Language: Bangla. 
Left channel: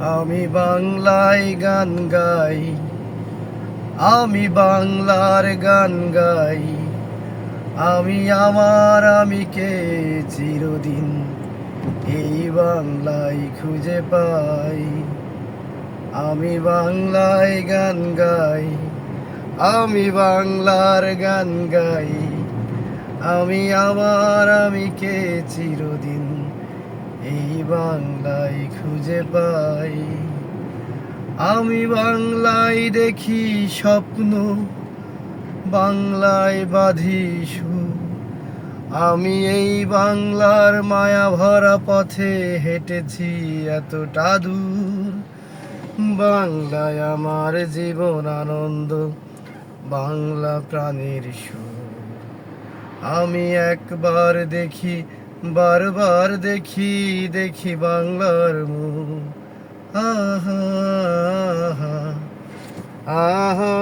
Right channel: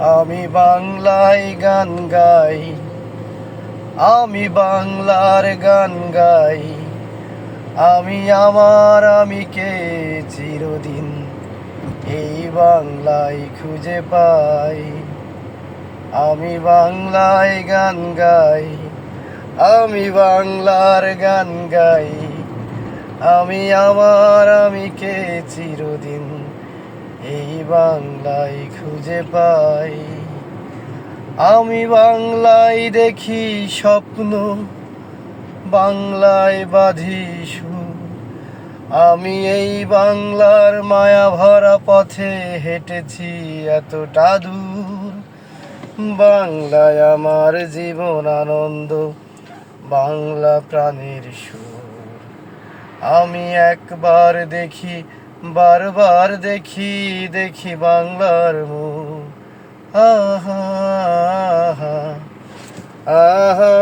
আমি বাংলায় গান গাই, আমি বাংলার গান গাই। আমি আমিকে চিরদিন এই বাংলায় খুঁজে পাই। আমি বাংলায় গান গাই, আমি বাংলার গান গাই। আমি আমিকে চিরদিন এই বাংলায় খুঁজে পাই। আমি বাংলায় দেখি স্বপ্ন, বাংলায় বাঁধি সুর। আমি এই বাংলার মায়া ভরা পথে হেঁটেছি এতটা দূর। বাংলায় আমার জীবন আনন্দ, বাংলা প্রাণের সুর। আমি একবার দেখি, বারবার দেখি, দেখি বাংলার মুখ। আহা আহা আহা